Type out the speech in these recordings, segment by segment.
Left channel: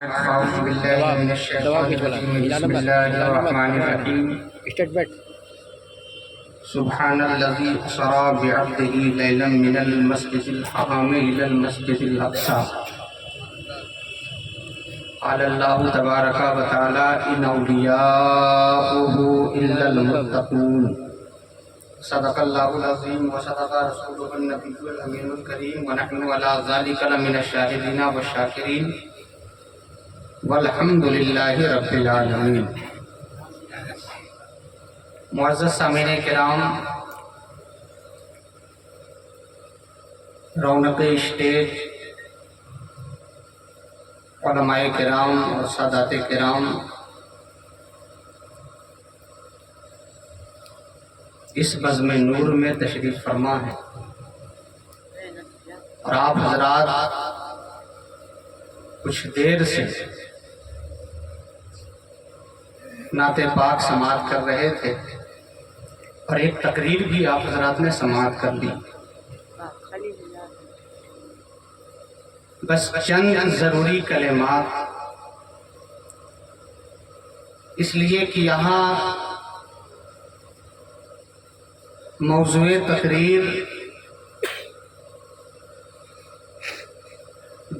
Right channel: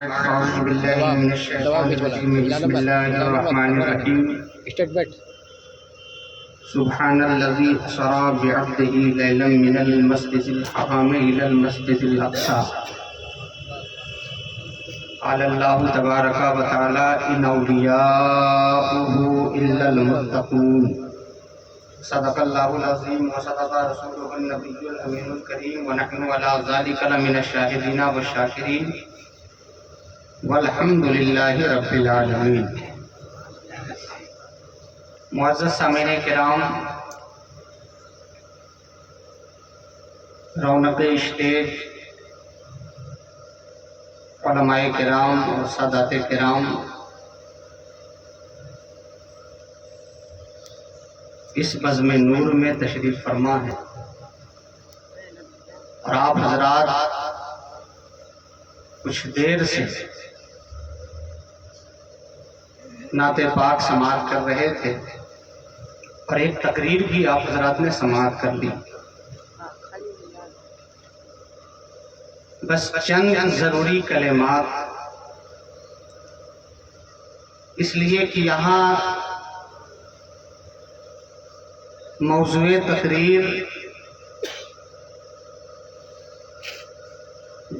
أعوذ بالله من الشيطان الرجيم بسم الله الرحمن الرحيم سبحان الذي أسرى بعبده ليلا من المسجد الحرام إلى المسجد الأقصى قال الله تبارك وتعالى إن أولياؤه إلا المتقون صدق الله العظيم وصدق رسوله النبي الأمين الكريم ونحن على ذلك لمن الشاهدين والشاكرين والحمد للہ رب العالمین۔ معزز سامعین کرام، رونق اسٹیج، علماء کرام اور سادات کرام، اس بزم نور میں تشریف فرما ہے اور آپ حضرات کچھ دیر سے نعت پاک سماعت کر رہے تھے اور ایک تقریر بھی آپ حضرات نے سماعت کر لی۔ بس چند ضروری کلمات، اس لیے کہ یہاں موضوع تقریر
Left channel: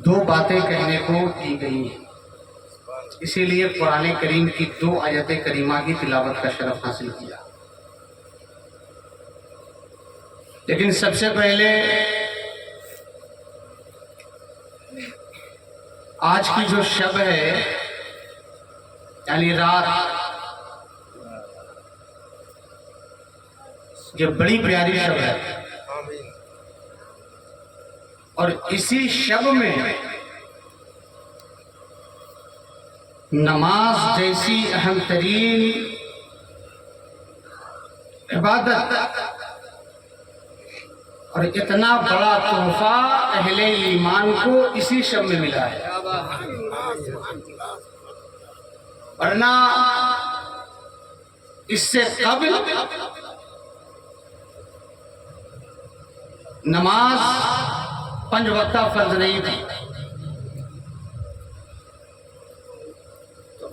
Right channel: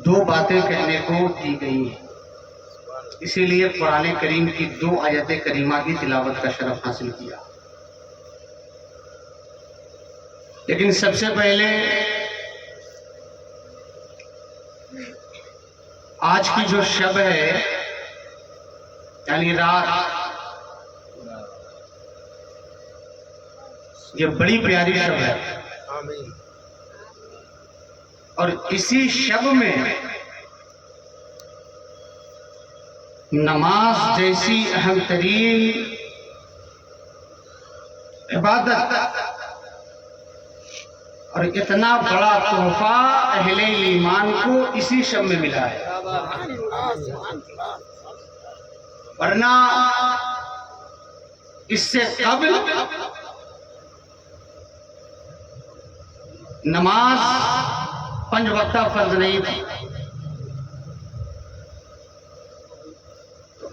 دو باتیں کہنے کو دی گئی ہیں، اسی لیے قرآن کریم کی 2 آیت کریمہ کی تلاوت کا شرف حاصل کیا۔ لیکن سب سے پہلے آج کی جو شب ہے، یعنی رات، یہ بڑی پیاری شب ہے اور اسی شب میں نماز جیسی اہم ترین عبادت اور اتنا بڑا تحفہ اہل ایمان کو اسی شب میں ملا ہے، ورنہ اس سے قبل نماز 5 وقتہ فرض نہیں تھی۔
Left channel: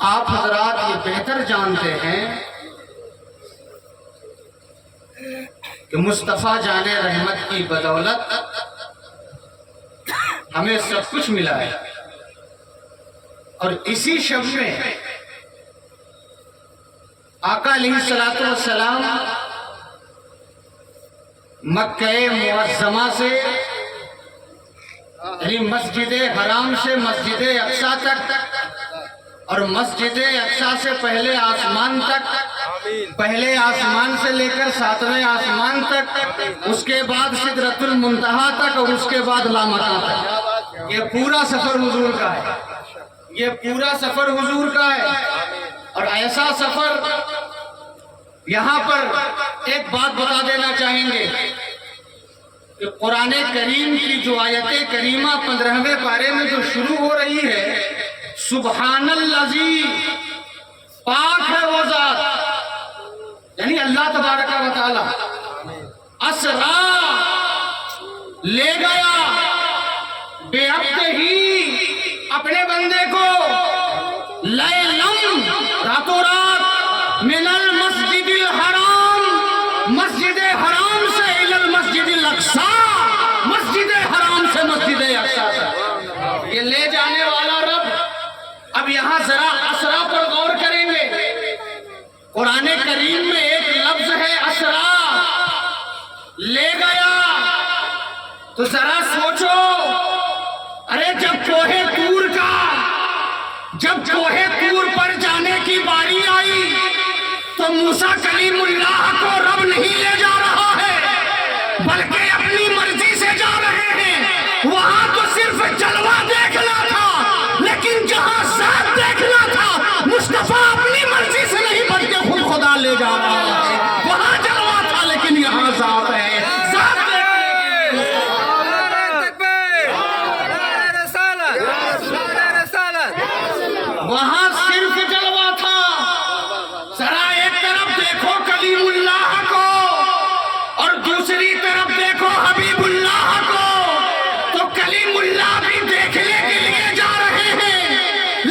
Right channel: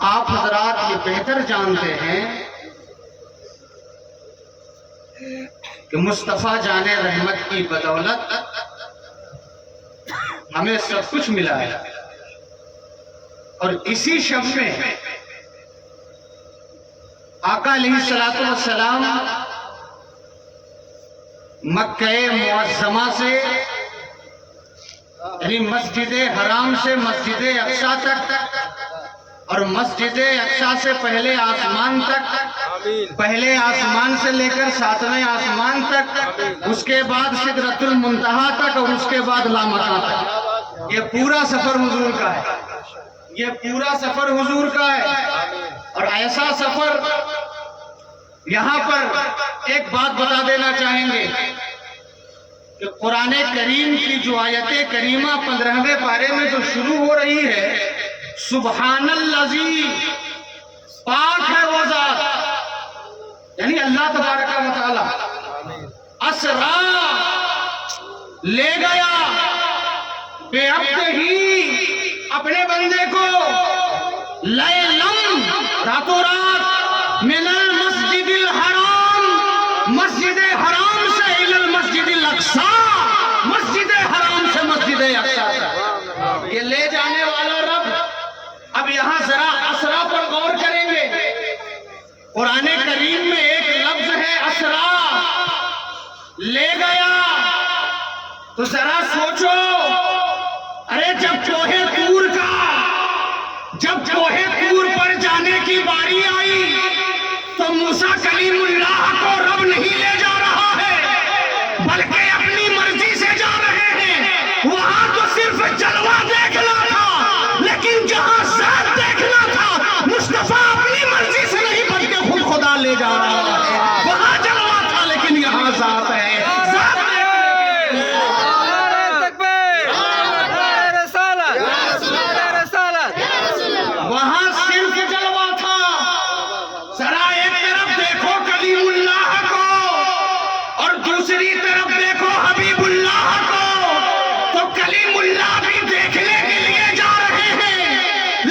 آپ حضرات یہ بہتر جانتے ہیں کہ مصطفیٰ جان رحمت کی بدولت ہمیں سب کچھ ملا ہے، اور اسی شب میں آقا علیہ السلام مکہ معظمہ سے، یعنی مسجد حرام سے مسجد اقصیٰ تک، اور مسجد اقصیٰ سے پہلے آسمان تک، پہلے آسمان سے لے کر 7ویں آسمان تک، اس کے بعد سدرۃ المنتہا تک، اور اس کے بعد لامکان تک، یہ پورا سفر حضور کا ہے، یہ پورا سفر حضور کا ہے۔ اور ایسا سفر، یہاں پر ایک بات بتا دینا چاہیں گے کہ قرآن کریم کی جو آیت کریمہ 15ویں پارے میں جو شروع ہو رہی ہے، سبحان الذی، پاک ہے وہ ذات، یعنی اللہ تبارک و تعالی، اسرا، لے گیا، بے عبدہ، اپنے بندے کو، لیلم، راتوں رات، من المسجد الحرام، مسجد حرام سے الی المسجد الاقصی، مسجد حرام سے مسجد اقصیٰ تک، یہ لے جانے والا رب۔ اب یہاں ذرا اسرا پر غور کریں گے۔ قرآن کریم میں ایک لفظ ہے اسرا، لے گیا، تو ذرا سوچو، ارے جب کوہ طور پر جانے کی باری آئی تو موسیٰ کلیم اللہ کو رب نہیں لے جا رہا ہے، بلکہ اپنی مرضی سے جا رہے ہیں۔ وہاں تو صرف جلوہ دیکھنا تھا، لیکن جہاں ذات دیکھنا تھا، مصطفیٰ اپنی مرضی سے نہیں بلکہ خود خدا لے جا رہا ہے۔ وہاں جلوہ تھا لیکن یہاں ذات ہے، ذات دیکھنے کے لیے۔ وہاں صرف جلوہ تھا، ذرا ایک طرف دیکھو کلیم اللہ کو اور دوسری طرف دیکھو حبیب اللہ کو، تو کلیم اللہ بھی دیکھنے کے لیے جا رہے ہیں،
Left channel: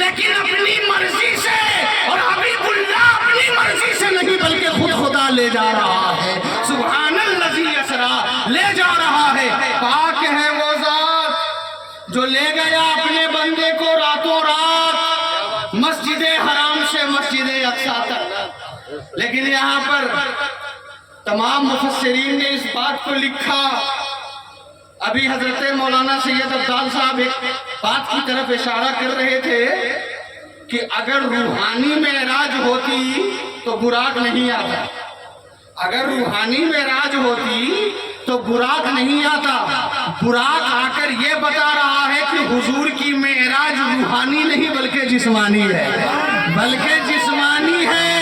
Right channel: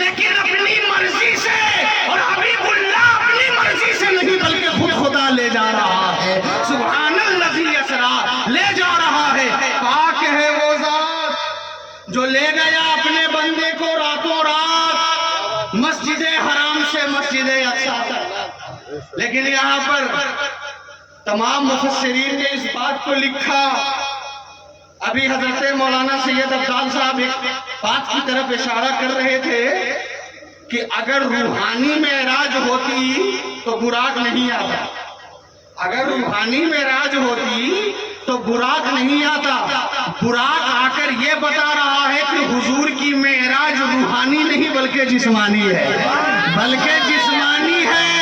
مسجد حرام سے مسجد اقصی تک. لیکن یہاں پر تمام مفسرین نے اس بات کو لکھا. ابھی حضرت مولانا سید افضال صاحب ایک بات کی طرف اشارہ کر رہے تھے کہ اگر روحانی معراج ہوتی تو براق نہیں آتا. اگر روحانی معراج ہوتی تو براق نہیں آتا. براق آ کر یہ بتا رہا ہے کہ حضور کی معراج روحانی نہیں بلکہ جسمانی ہے. بلکہ جسمانی ہے.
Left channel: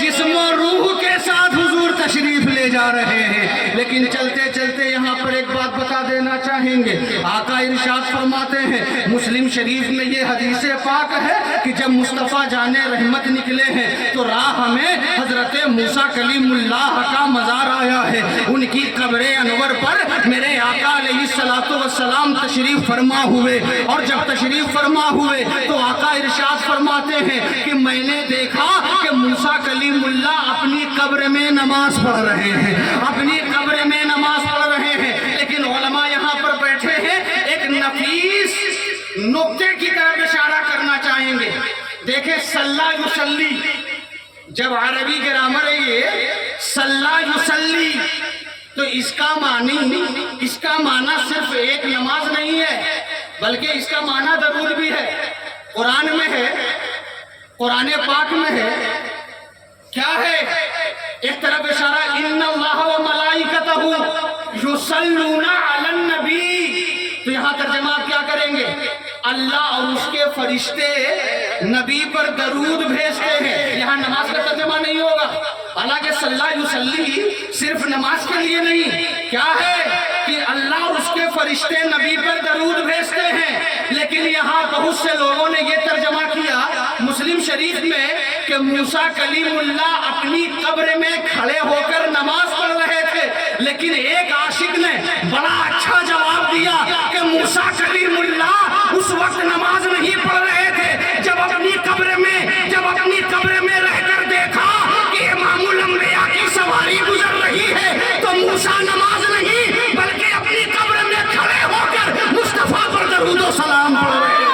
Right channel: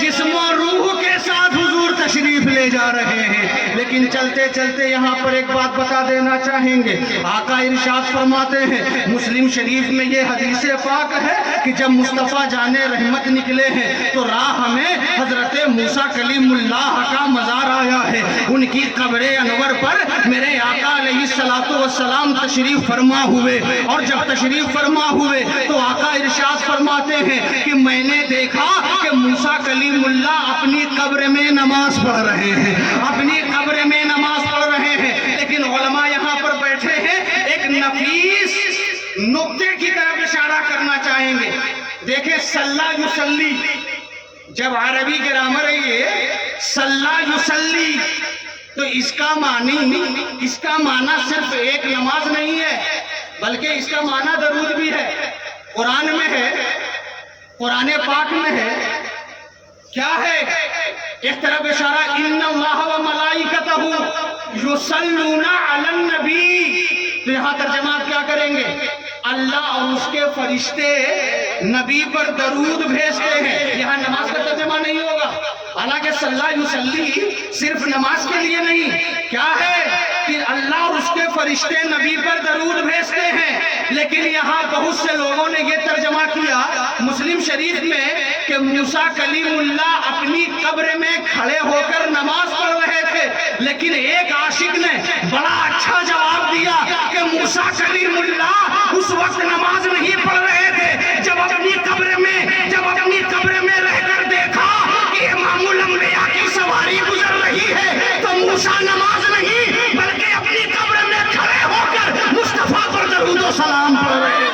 جسم و روح کے ساتھ حضور تشریف لے جا رہے ہیں. لیکن چلتے چلتے یہاں پر ایک بات بتا دینا چاہیں گے. آقا ارشاد فرماتے ہیں مسلم شریف میں یہ حدیث پاک ہے کہ جب مصطفیٰ جان رحمت نکلے ہیں تو راہ میں حضرت موسیٰ کلیم اللہ کا مزار آیا ہے. ان کی قبر انور پر میرے آقا علیہ السلام تشریف فرما ہوئے. اور جب تشریف فرما ہوئے تو آقا ارشاد فرماتے ہیں کہ میں نے دیکھا کہ موسیٰ کلیم اللہ اپنی قبر میں نماز پڑھ رہے ہیں. اپنی قبر میں نماز پڑھ رہے ہیں. لیکن علماء یہاں پر بیٹھے ہیں ایک نفیس نقطے کی طرف اشارہ کرنا چاہیں گے. دیکھیں صلی یصلی, جب عربی گرامر ہے یہ صلی یصلی, تو اس کا معنی صرف ایک نماز نہیں ہے بلکہ اس کا معنی درود بھی ہے. قرآن میں ہے, قرآن پاک میں ہے. کیا ہے؟ ایک طرف اشارہ ان اللہ و ملائکتہ یصلون علی النبی. تو یہاں ترجمہ آپ کیا کریں گے؟ اللہ اور اس کے فرشتے نبی پر درود بھیجتے ہیں. یہاں نماز کا ترجمہ نہیں ہوگا. حالانکہ صلی یصلی صرف نماز کے لیے نہیں, کیا ہے کہ اللہ اور اس کے فرشتے نبی پر درود بھیجتے ہیں. لیکن یہاں بہت سے لوگوں نے یہ ترجمہ کیا مسلم شریف میں کہ موسیٰ کلیم اللہ اپنی قبر میں کھڑے ہو کر نماز پڑھ رہے تھے. لیکن ایک عاشق نے بڑا اچھا جواب دیا کہ موسیٰ کلیم اللہ اس وقت نماز نہیں پڑھ رہے تھے جب اپنی قبر میں رہ کر دیکھا کہ امام الانبیاء کی سواری گزر رہی ہے تو موسیٰ نماز نہیں بلکہ اپنی قبر میں کھڑے ہو کر مصطفیٰ پر درود و سلام پڑھ رہے تھے.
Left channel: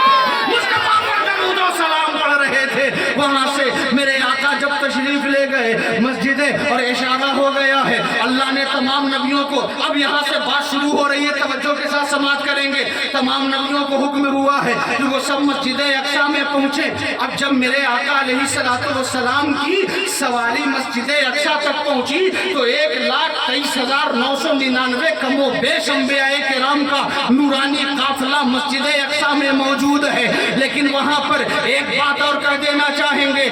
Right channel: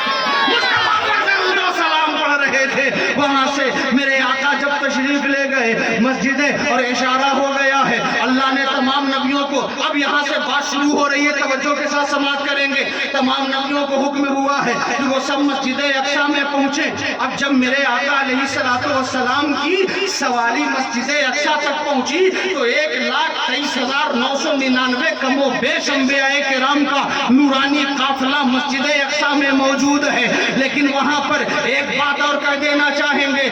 مصطفیٰ پر درود و سلام پڑھ رہے تھے. وہاں سے میرے آقا جب تشریف لے گئے مسجدیں اور اشارہ ہو گیا ہے اللہ نے تمام نبیوں کو, اب یہاں سے بات شروع ہو رہی ہے, توجہ کے ساتھ سماعت کریں گے. تمام نبیوں کو حکم ہوا ہے کہ وہ سب مسجد اقصی میں پہنچے. اب جب میرے آقا علیہ السلام کی سواری مسجد اقصی تک پہنچی تو 1,23,999 کم و بیش انبیاء کرام کا نورانی قافلہ مسجد اقصی میں موجود ہے. لیکن وہاں پر ایک بات اور کر دینا چاہیں گے.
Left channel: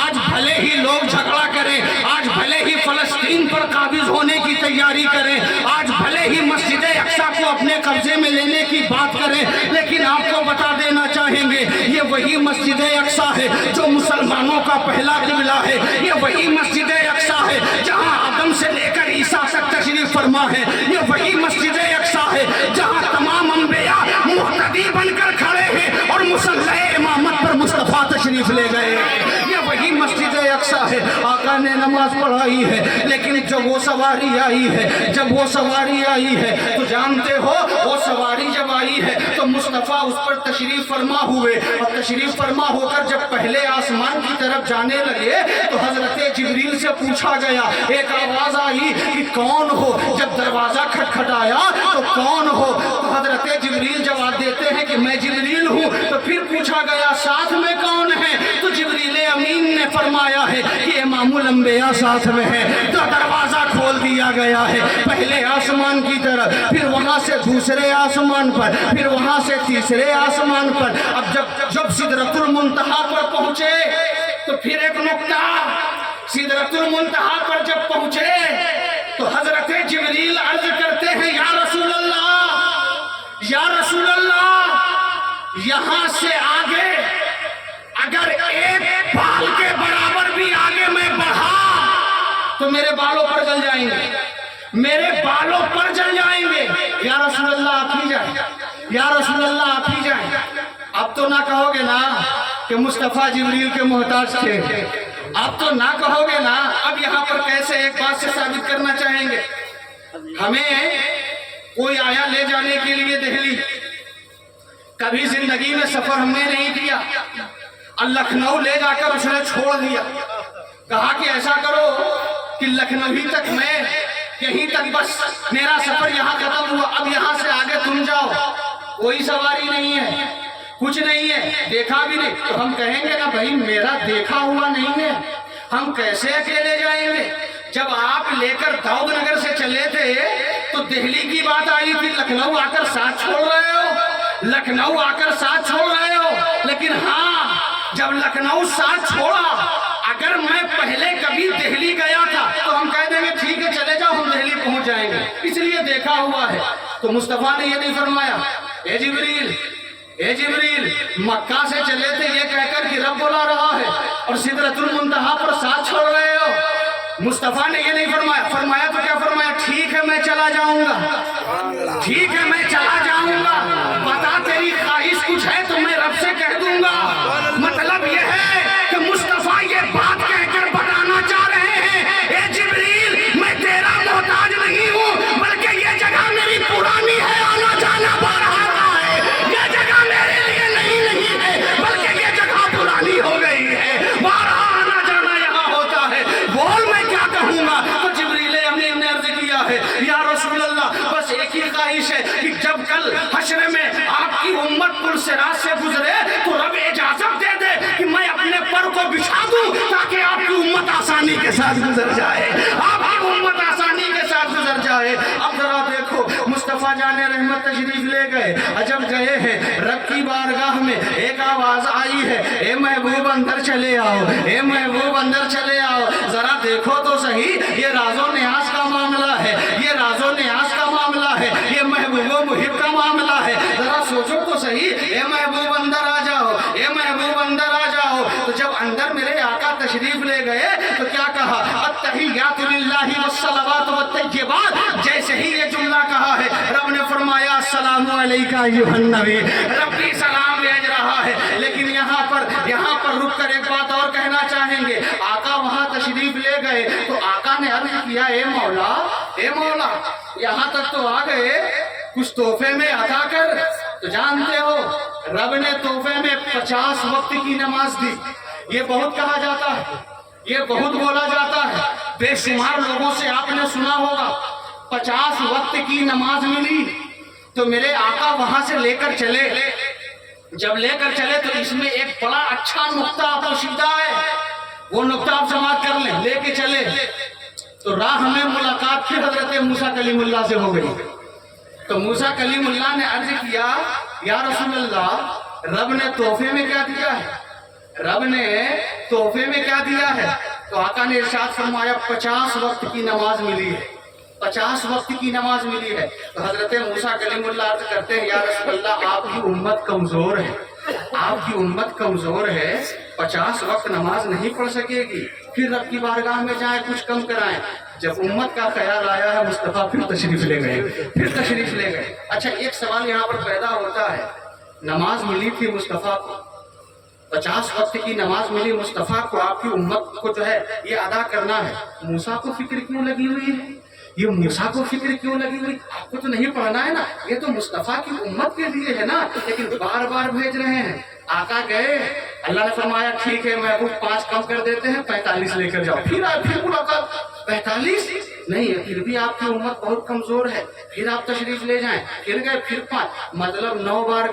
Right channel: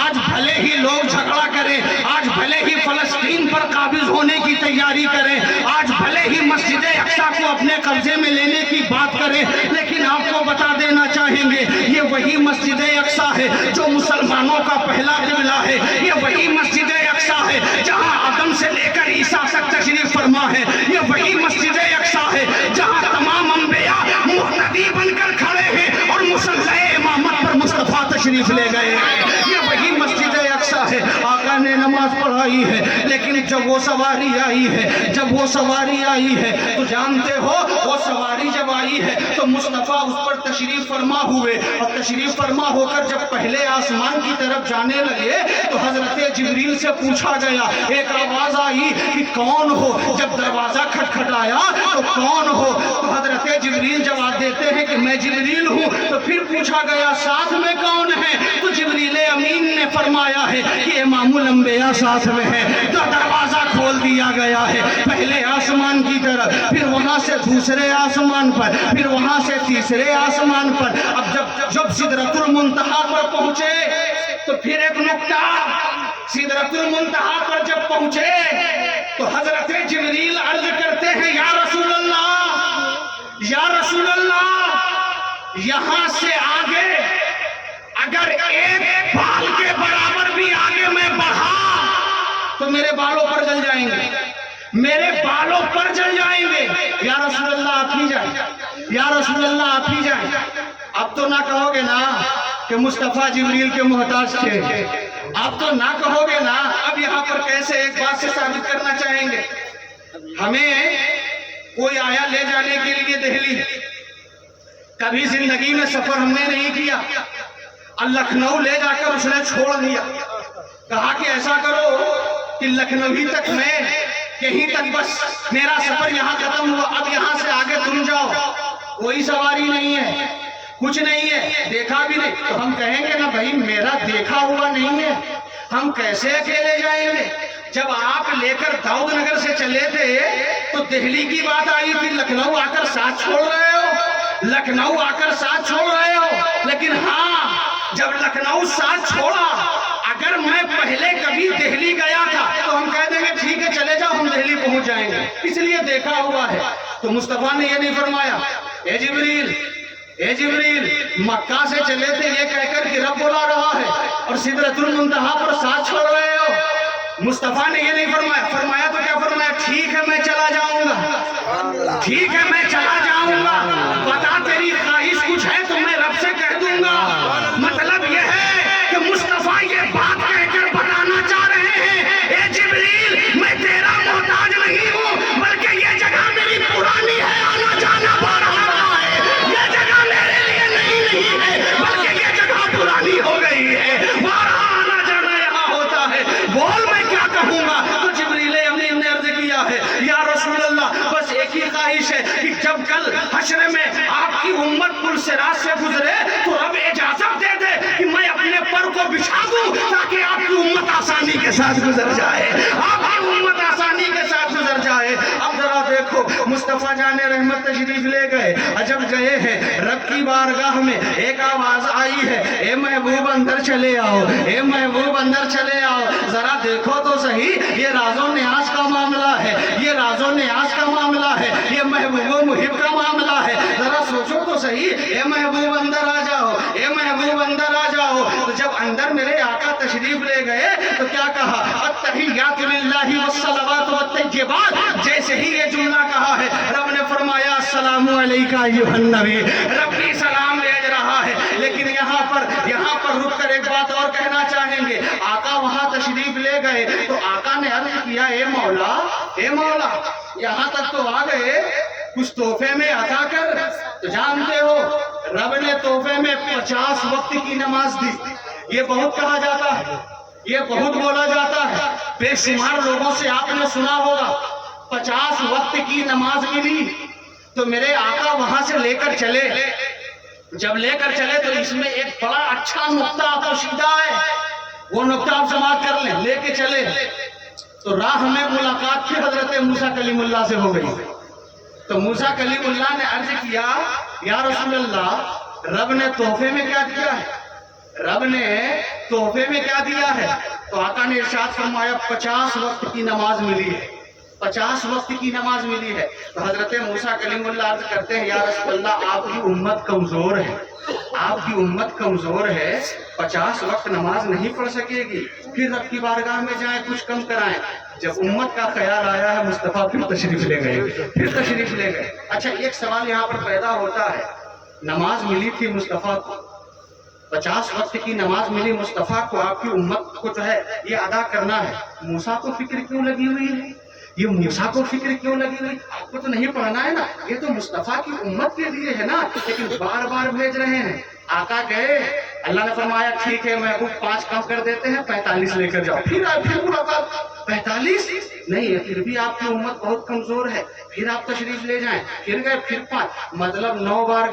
آج بھلے ہی لوگ جھگڑا کریں, آج بھلے ہی فلسطین پر قابض ہونے کی تیاری کریں, آج بھلے ہی مسجد اقصی کو اپنے قبضے میں لینے کی بات کریں, لیکن آپ کو بتا دینا چاہیں گے یہ وہی مسجد اقصی ہے جو مسلمانوں کا پہلا قبلہ ہے. یہ وہی مسجد اقصی ہے جہاں آدم سے لے کر عیسیٰ تک تشریف فرما ہے. یہ وہی مسجد اقصی ہے جہاں تمام انبیاء مقتدی بن کر کھڑے ہیں اور مصلی امامت پر مصطفیٰ تشریف لے گئے. یہ وہی مسجد اقصی ہے. آقا نے نماز پڑھائی ہے لیکن جب وہ سواری آئی ہے تو جانتے ہو وہ سواری جب آئی ہے تو مصطفیٰ اس پر تشریف فرما ہوئے, اور تشریف فرما ہو کر جب پہلے آسمان کی طرف جانے لگے تو حضرت جبریل سے پوچھا گیا, ایک آواز آئی کہ کون ہو. جب دروازہ کھٹکھٹایا تو کون ہو, تو حضرت جبریل جواب دیتے ہیں کہ میں جبریل ہوں. تو پھر پوچھا گیا ساتھ میں کون ہے, تو جبریل امین نے فرمایا ہے کہ امام الانبیاء ساتھ میں ہے. تو دروازہ کھول دیا گیا ہے پہلے آسمان کی طرف, پھر وہاں سے دوسرے آسمان پر, پھر وہاں سے تیسرے آسمان پر. اب جب سدرۃ المنتہا پر پہنچے تو پھر ایک نقطہ, سدرۃ المنتہا پر جب پہنچے تو حضرت جبریل عرض کرتے ہیں یا رسول اللہ یہاں سے آگے اگر ایک بال کے برابر بھی آگے میں بڑھا تو میرے بالوں پر جل جائیں گے, میرے بالوں پر جل جائیں گے. یا رسول اللہ آپ ہی جائیں, یا رسول اللہ آپ ہی جائیں. اب تو نہ کہو گے نا کہ مصطفیٰ جبریل کے محتاج تھے, اب تو نہ کہو گے نا. اب یہاں پر کیسے ایک بات سے ثابت کرنا چاہیں گے. ہمیں کوئی آیا لے جانے کے لیے دہلی, کبھی زندگی میں سفر ہم نے نہیں کیا, और लखनऊ ले जाकर उसने छोड़ दिया। कहा कि ऐसा करो कि लखनऊ ही तक मैं, यहीं तक बस मेरा सफर यहाँ खत्म हुआ, अब यहाँ से आगे तुम जाओ, कोई सवारी नहीं है, कुछ नहीं है, देखा भी नहीं। तो हम कहेंगे ना भाई मेरा देखा हुआ नहीं है, हम कैसे अकेले जाएंगे? जब आप लेकर दाऊद नगर से चले थे तो दिल्ली की बात आई थी, लखनऊ आकर साथ छोड़ रहे हो, लखनऊ आकर साथ छोड़ रहे हो। लेकिन हाँ, जब लखनऊ साथ छोड़ा, अगर मैं पहले कभी दिल्ली गया था तो हम कह देंगे ठीक है चले जाओ, हम दिल्ली पहुंच जाएंगे, इसलिए देखा हुआ है। तो मुस्तफा ने ये नहीं फरमाया, ए जिब्रील मक्का से चले थे ये कहकर कि रब बुला रहा है और सिदरतुल मुंतहा पर साथ छोड़ रहे हो। मुस्तफा ने ये नहीं फरमाया, फरमाया तो क्या फरमाया, ठीक है मैं चला जाऊंगा, ठीक है मैं चला जाऊंगा, बता तेरी ख्वाहिश कुछ है तो मैं रब से कह दूंगा। मतलब ये है कि मुस्तफा ये बात कहकर बताना चाह रहे हैं, ए जिब्रील मैं तेरा मोहताज नहीं हूँ, बल्कि ये जगह मेरी पुरानी है, आना जाना हो रहा है, ये जगह मेरे लिए नहीं है, बल्कि ये जगह पुरानी हो गई है, बारहा आना जाना यहाँ होता है, बोल मैं क्या कहूँगा। तो जिब्रील अमीन ने अर्ज किया है, या रसूल अल्लाह बस एक ही ख्वाहिश है कि जब कल हश्र में आपकी उम्मत पुल सिरात से गुजरे तो रब इजाजत दे दे कि मैं अपने पर को बिछा दूं ताकि आपकी उम्मत आसानी के साथ गुजर जाए, आपकी उम्मत आसानी के साथ गुजर जाए। अब जरा देखो, मुस्तफा जाने रहमत तशरीफ ले गए, अजब गए हैं रब की बारगाह में, एक आवाज आई है, ए महबूब अंदर चले आओ, ए महबूब अंदर चले आओ। जरा देखो तो सही, ये राजो न्याज का मामला है, ये राजो न्याज का मामला है, ये महबूब मुहिब का मामला है। जरा सोचो तो सही, ए महबूब अंदर आ जाओ, ए महबूब अंदर आ जाओ। तो जब अंदर मेरे आका तशरीफ ले गए तो क्या कहा, अत्तहियातु लिल्लाहि वस्सलावातु वत्तय्यिबात, जैसे ही ये जुमला कहा है रब ने फरमाया अस्सलामु अलैका अय्युहन नबी, रब की सलाम भेज रहा है। लेकिन यहाँ पर रुक कर एक बात और कहना चाहेंगे, आका वहां तशरीफ ले गए तो आका ने अर्ज किया, ए मौला यहाँ तक तो आ गए, कुछ तोहफे में अता कर। तो जानते हो रब ने तोहफे में 50 वक्त की नमाज दी। ये बहुत कहा जाता है, ये बहुत बोला जाता है, बेशुमार लोगों से आपने सुना होगा 50 वक्त की नमाज मिली। तो मेरे आका वहां से लेकर चले, जब लेकर चले तो इसमें एक बड़ा अच्छा नुक्ता पोशीदा है, वो नुक्ता आप समाप्त कर लें। लेके चले तो राह में मुलाकात फिर हजरत मूसा कलीमुल्लाह से हो गई। तो मूसा कलीमुल्लाह ने अर्ज किया, या रसूल अल्लाह रब ने तोहफे में क्या दिया है, रब ने तोहफे में क्या दिया है? तो आका ने इरशाद फरमाया 50 वक्त की नमाज मिली है, 50 वक्त की नमाज मिली है। तो हजरत मूसा कलीमुल्लाह अर्ज करते हैं, या रसूल अल्लाह आपकी उम्मत कमजोर है, आपकी उम्मत कमजोर है, 50 वक्त नमाज नहीं पढ़ सकेगी, फिर रब की बारगाह में जाए कुछ कम कराएं। जब उम्मत का ख्याल आया है मुस्तफा फिर तशरीफ ले गए। अच्छा, एक सवाल यहाँ पर पैदा होता है, नमाज मिली थी मुस्तफा को, 50 वक्त की नमाज मिली मुस्तफा को, आपकी उम्मत को जो है ये अदा करना है, मूसा को फिक्र क्यों लगी हुई है? ये मूसा को फिक्र क्यों लगी हुई? आपको तो नहीं पढ़ना है ना, ये तो मुस्तफा की उम्मत के लिए है ना, लेकिन बार बार भेज रहे हैं। आका गए, अल्लाह ने फरमाया ठीक है महबूब 5 कम कर देते हैं, 45 लेकर जाओ। फिर मुलाकात 45 नहीं है, फिर भी आपकी उम्मत बहुत कमजोर है, फिर आप तशरीफ ले जाएं। फिर गए, फिर 5, मतलब 9 बार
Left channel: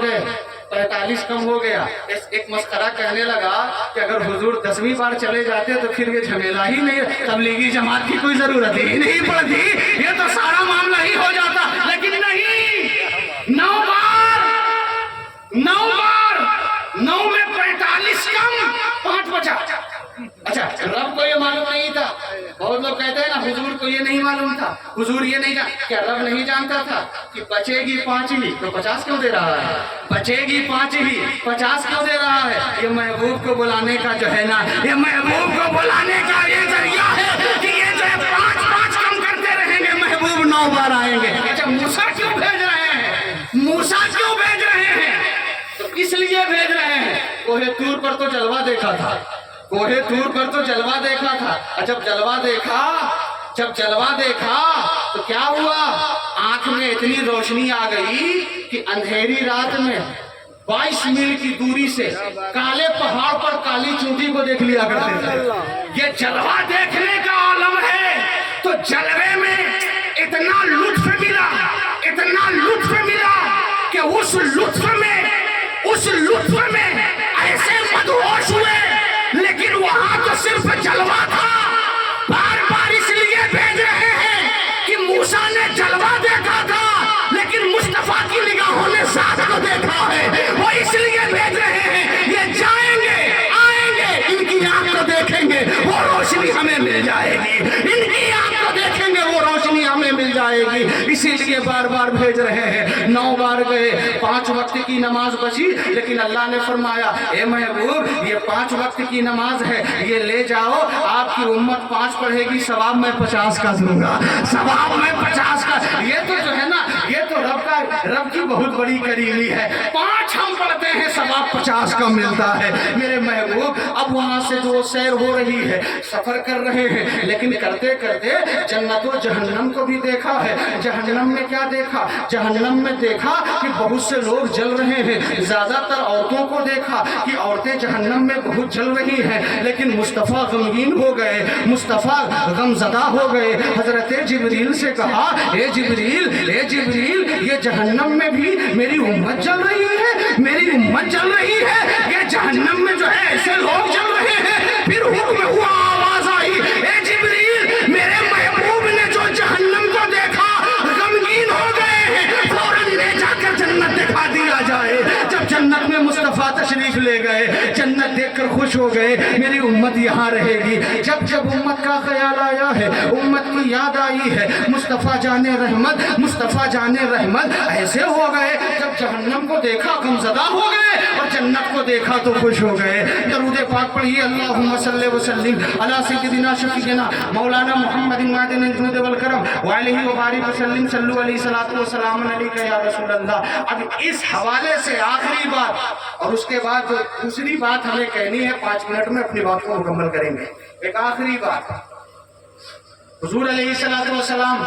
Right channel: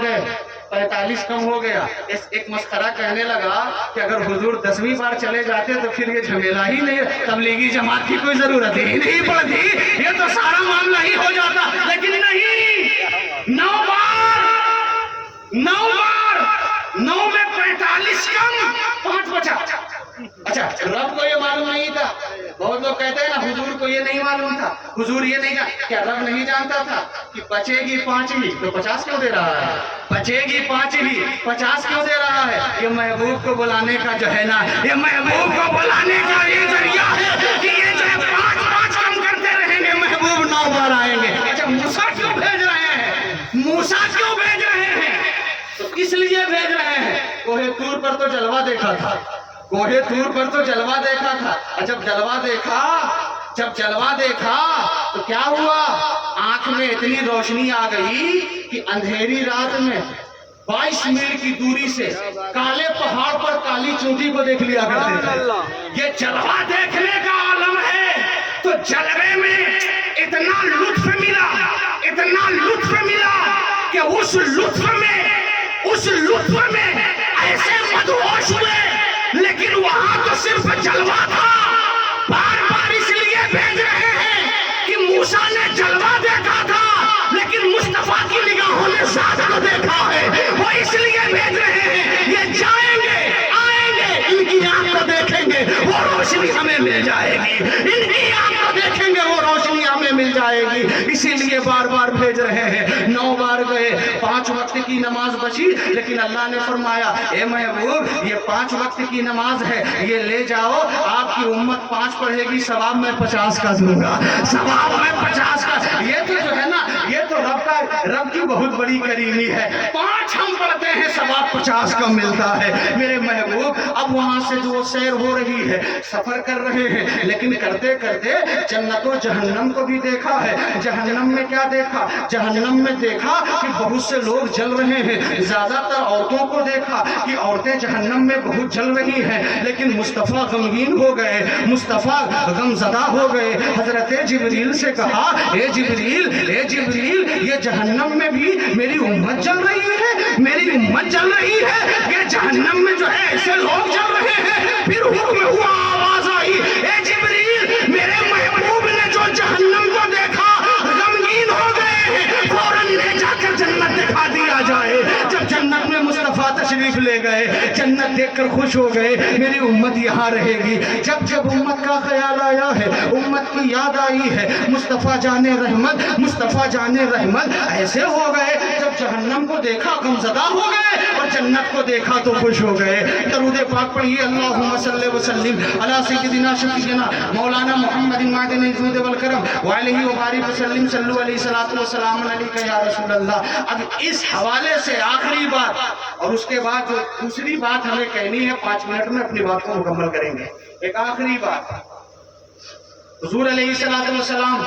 गए, 45 कम हो गया। एक मस्खरा कहने लगा कि अगर हुजूर 10वीं बार चले जाते तो फिर ये झमेला ही नहीं, तबलीगी जमात की कोई जरूरत ही नहीं पड़ती, ये तो सारा मामला ही हो जाता। लेकिन नहीं, 9 में 45 कम, 5 बचा। अच्छा, रब को ये मालूम नहीं था? बहुत लोग कहते हैं ना हुजूर को ये नहीं मालूम था, हुजूर ये नहीं जानता। क्या रब नहीं जानता था कि बचेगी 5 ही तो 50 क्यों दे रहा है? बचेगी 5 ही 50 क्यों दे रहा है? ये महबूब को बुलाने का जो है ना, ये महबूब को बुलाने का ये जरिया है कि ये जो है 5 कम करते रहेंगे, महबूब 9 बार आएंगे। अच्छा, मूसा क्यों भेज रहे हैं? मूसा क्यों भेज रहे हैं? तो इसलिए भेज रहे हैं, कोहे तूर पर तो जलवा देखा था, कोहे तूर पर तो जलवा देखा था। जब जलवा देखा तो क्या हुआ? आंख में इतनी रोशनी आ गई कि अंधेरी रात में 22 मील की दूरी से काले पहाड़ पर काली चूंटी को देख लिया करते थे। ये जलवा देखने का आलम है। तो जलवे में इतना लुत्फ मिला, इतना लुत्फ मिला कि उस लुत्फ में ऐसे मदहोश हुए। लेकिन वहां तो सिर्फ जलवा था। बार बार इसलिए भेज रहे हैं कि मूसा ने जलवा देखा था, लेकिन मुस्तफा की निगाहों ने ज़ात को देखा है। वो इसलिए भेज रहे हैं, ये जाएंगे आएंगे, इनकी आंख को देखेंगे वो रोशनी हमें मिल जाएगी, इनकी आंख को देखेंगे वो रोशनी हमें मिल जाएगी। इसीलिए बार बार भेज रहे हैं। 9 बार गए, 5 वक्त की नमाज बची, लेकिन अल्लाह ने फरमाया ए महबूब ये 5 वक्त की नमाज है, ये ले जाओ, आपकी उम्मत 5 पढ़ेगी, सवाब में 50 का दूंगा, सवाब में 50 का। ये तो जो है ना, ये तो रब की बहुत बड़ी करीमी है। 5 हम पढ़ते हैं, सवाब 50 का मिलता है मेरे महबूब। अब वहां से जो सैर हो रही है, सफर कर रहे हैं, लेकिन करते करते जन्नत और जहन्नम को भी देखा है। जहन्नम में क्या देखा? जहन्नम में देखा कि बहुत से लोग जल रहे हैं। ज्यादातर औरतों को देखा कि औरतें जहन्नम में बहुत जल रही हैं। लेकिन मुस्तफ़ा गमगीन हो गए, मुस्तफ़ा गमज़दा हो गए। हजरत जिब्रील से कहा ए जिब्रील ये जहन्नम में भी मेरी उम्मत जल रही है, मेरी उम्मत जल रही है। ये जहन्नम में जो है ऐसे लोग जल रहे हैं। फिर हुक्म हुआ, आवाज आई ए जिब्रील मेरे महबूब ने जो जहन्नम को देखा गमगीन हो गए हैं, फौरन ले जाकर जन्नत दिखा दिया जाए। जब जन्नत में मुस्तफा तशरीफ ले गए, जन्नत देखकर खुश हो गए, मेरी उम्मत यहाँ रहेगी। जब जब उम्मत का ख्याल आया है, उम्मत की याद आई है, मुस्तफा जाने रहमत ऐसे हो गए। जब जहन्नम को देखा गमज़दा हो गए, और जन्नत को देखा तो खुश हो गए। दरूद पाक पढ़िए, अल्लाहुम्मा सल्लि व सल्लिम अला सय्यिदिना शफीना मौलाना मुहम्मदिन मादिनिल जुद वल करम व अलैहि व बारिक व सल्लिम सल्लु अलैहि सलातु व सलाम अलैका या रसूल अल्लाह। अब इस हवाले से आखिरी बात, और उसके बाद जो दूसरी बात हमें कहनी है, 5 मिनट में अपनी बात को मुकम्मल करेंगे। एक आखिरी बात, हुजूर अलैहि सलातु व सलाम,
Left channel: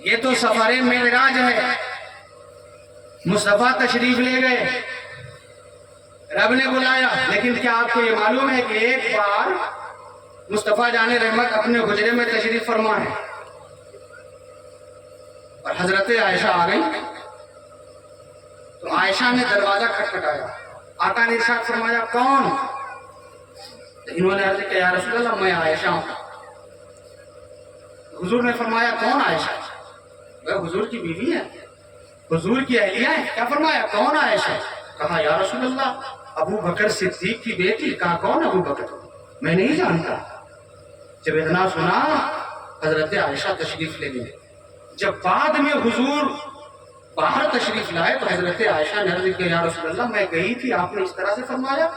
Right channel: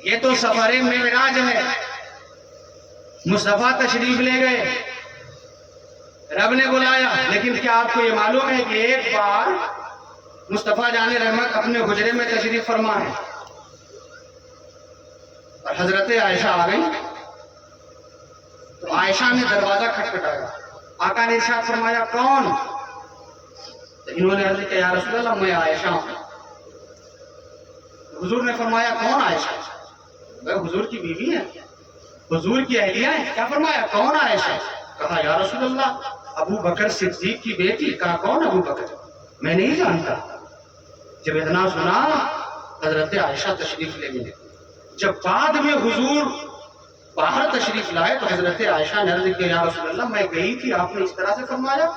ये तो सफरे मेराज है, मुस्तफा तशरीफ ले गए, रब ने बुलाया। लेकिन क्या आपको ये मालूम है कि एक बार मुस्तफा जाने रहमत अपने हुजरे में तशरीफ फरमा है, और हजरत आयशा आ गई। तो आयशा ने दरवाजा खटखटाया, आका ने इरशाद फरमाया कौन? तो इन्होंने अर्ज किया या रसूल अल्लाह मैं आयशा हूं। हुजूर ने फरमाया कौन आयशा? वह हुजूर की बीवी है, हुजूर की अहलिया है। क्या फरमाया कौन आयशा? कहा या रसूल अल्लाह अबू बकर सिद्दीक की बेटी। कहा कौन अबू बकर? मैं नहीं जानता। जब इतना सुना, हजरत आयशा तशरीफ ले गए। जब बाद में हुजूर बाहर तशरीफ लाए, तो हजरत आयशा ने अर्ज किया या रसूल अल्लाह मैं गई थी, आपने इस तरह से फरमाया।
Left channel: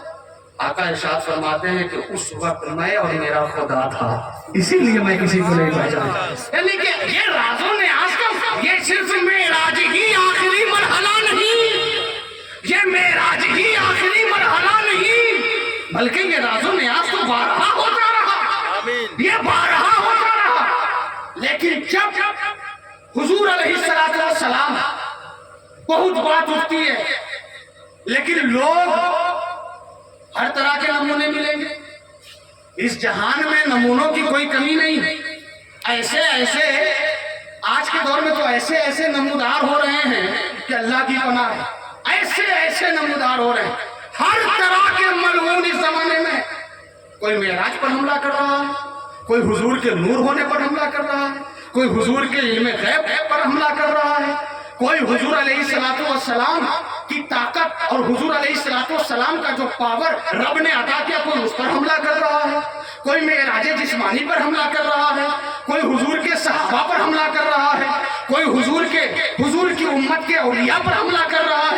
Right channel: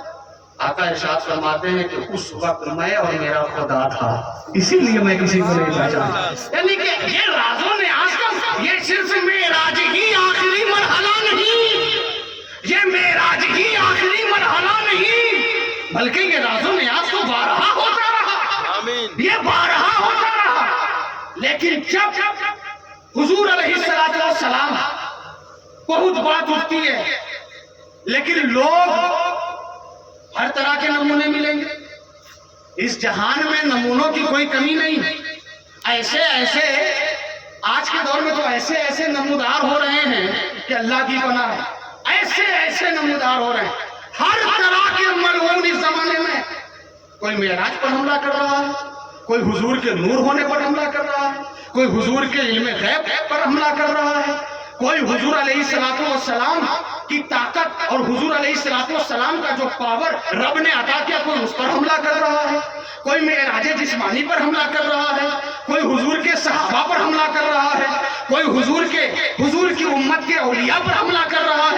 आका इरशाद फरमाते हैं कि उस वक्त मैं और मेरा खुदा था, इसीलिए मैं किसी को नहीं पहचानता। यानी कि ये राजों ने आज तक, ये सिर्फ मेराज ही आखिरी मरहला नहीं, ये मेराज ही आखिरी मरहला नहीं, बल्कि ये राजों में आज तो 12 होता रहा, ये 12 होता रहा। लेकिन जब हुजूर अलैहिस्सलातु वस्सलाम, बहुत बात उठती है, लेकिन लोग हर तरह के नमूने मिलेंगे। इस जहान में नमूनों की कोई कमी नहीं। ऐसे ऐसे आज के दौर में तो ऐसे ऐसे नमूदार हो रहे हैं कि अल्लाह की पनाह है। ऐसे ऐसे नमूदार हो रहे हैं, हर तरह के मलऊन इस जमाने में। कोई मेराज पर हमला कर रहा है, कोई हुजूर के नूर होने पर हमला कर रहा है, कोई हुजूर के इल्म गैब पर हमला कर रहा है, कोई हुजूर अलैहिस्सलातु वस्सलाम की ताकत और हुजूर अलैहिस्सलातु वस्सलाम का जो पावर रब ने अता किया, कोई उस पर हमला कर रहा है, कोई मेराज जिस्मानी पर हमला कर रहा है, कोई हुजूर के सहाबा पर हमला कर रहा है, कोई हुजूर की उम्मत के औलिया पर हमला कर रहा है।